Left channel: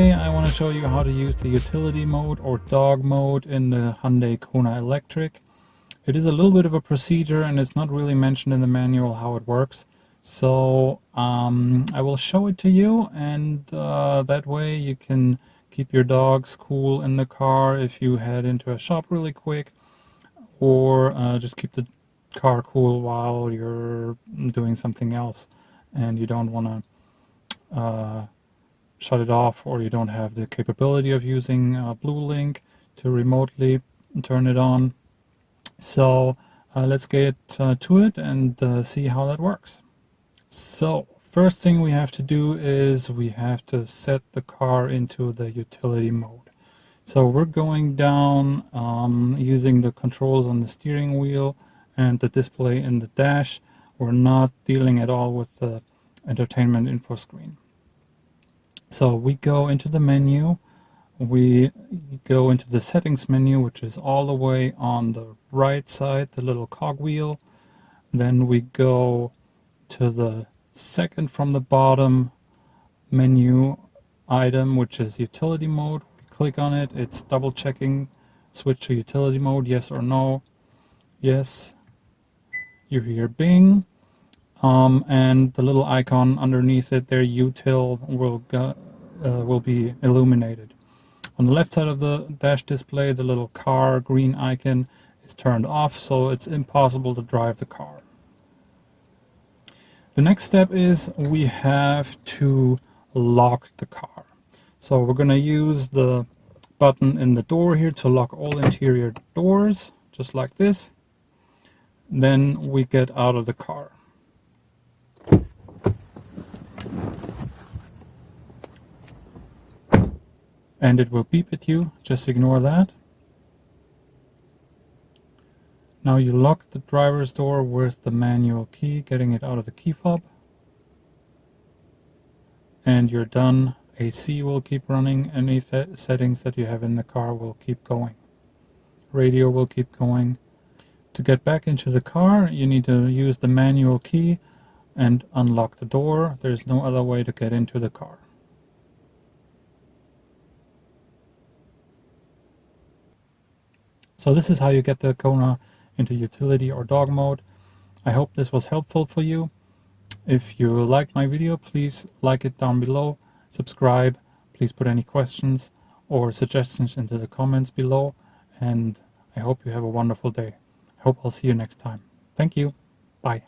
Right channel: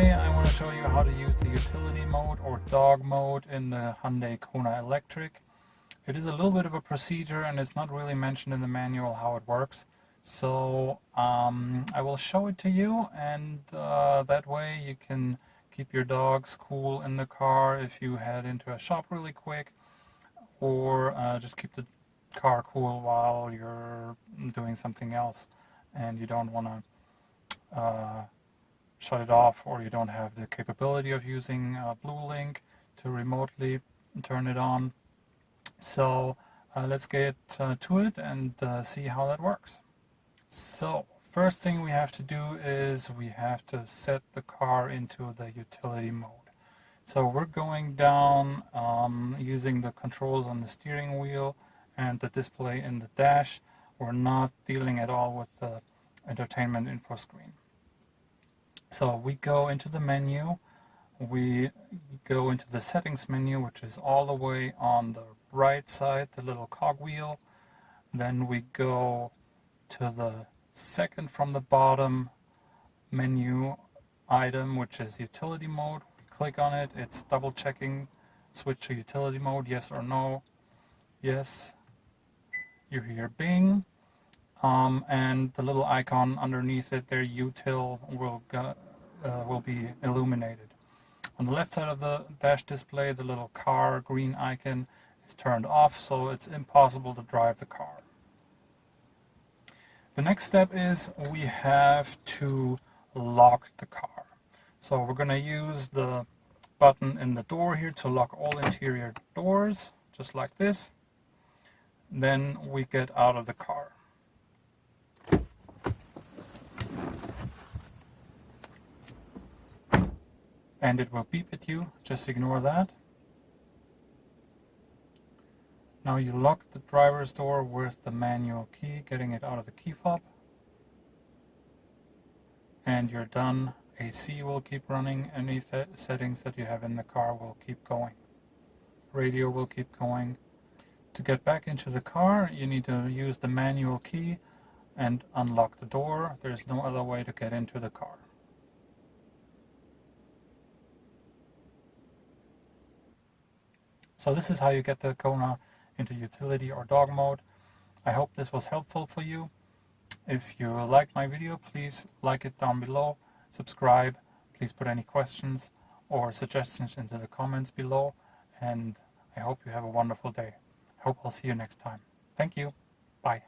Today I want to show you how to use the utility mode or dog mode in the Hyundai Kona Electric. It is a little bit of a procedure and it's not really mentioned in the manual how it works. So I will show it to you, and that way you can keep your dogs cool in the car if you head into a shop really quick, or just keep the car cool while you're doing something else and you don't want to shut it off, or you don't have the capability of using Blue Link to remotely turn it on. So let's get to it and see how that works. So first thing we have to do is we have to set the car into the utility mode. So we're going down using the controls on the steering wheel and the display in the dash. We're not dealing at all with the entertainment info screen. So we go into the menu, we go into the settings menu, which is all the way on the right side, the little cogwheel. Then we go to the second from the bottom menu item, which is utility mode. We click on it, it's double checking, switch to utility mode, yes or no. Yes, you hear bing. And the little icon underneath it there, util, will be illuminated. On the left side of the dash display, the little car green icon is turned off, so it's impossible to drive the car. The next step is we have to lock the car. So we're going to use the button in the door here to lock all interior doors, just like this. Then we get out of the car. And it will beep at you, just ignore that. Now you lock the driver's door with the manual key, getting it out of the key fob. And you're done. AC will keep running, any settings that you have in the car will keep going. Radio will keep going. To get back into the car, you need to use the manual key and unlock the door. There's no other way to get into the car. So this is how you get the Kona into utility or dog mode. I hope this was helpful for you. If you liked my video, please like it down below, subscribe, please put any questions or suggestions into the comments below, and I hope you have a wonderful day. I hope I'll see you next time. Thank you. Bye.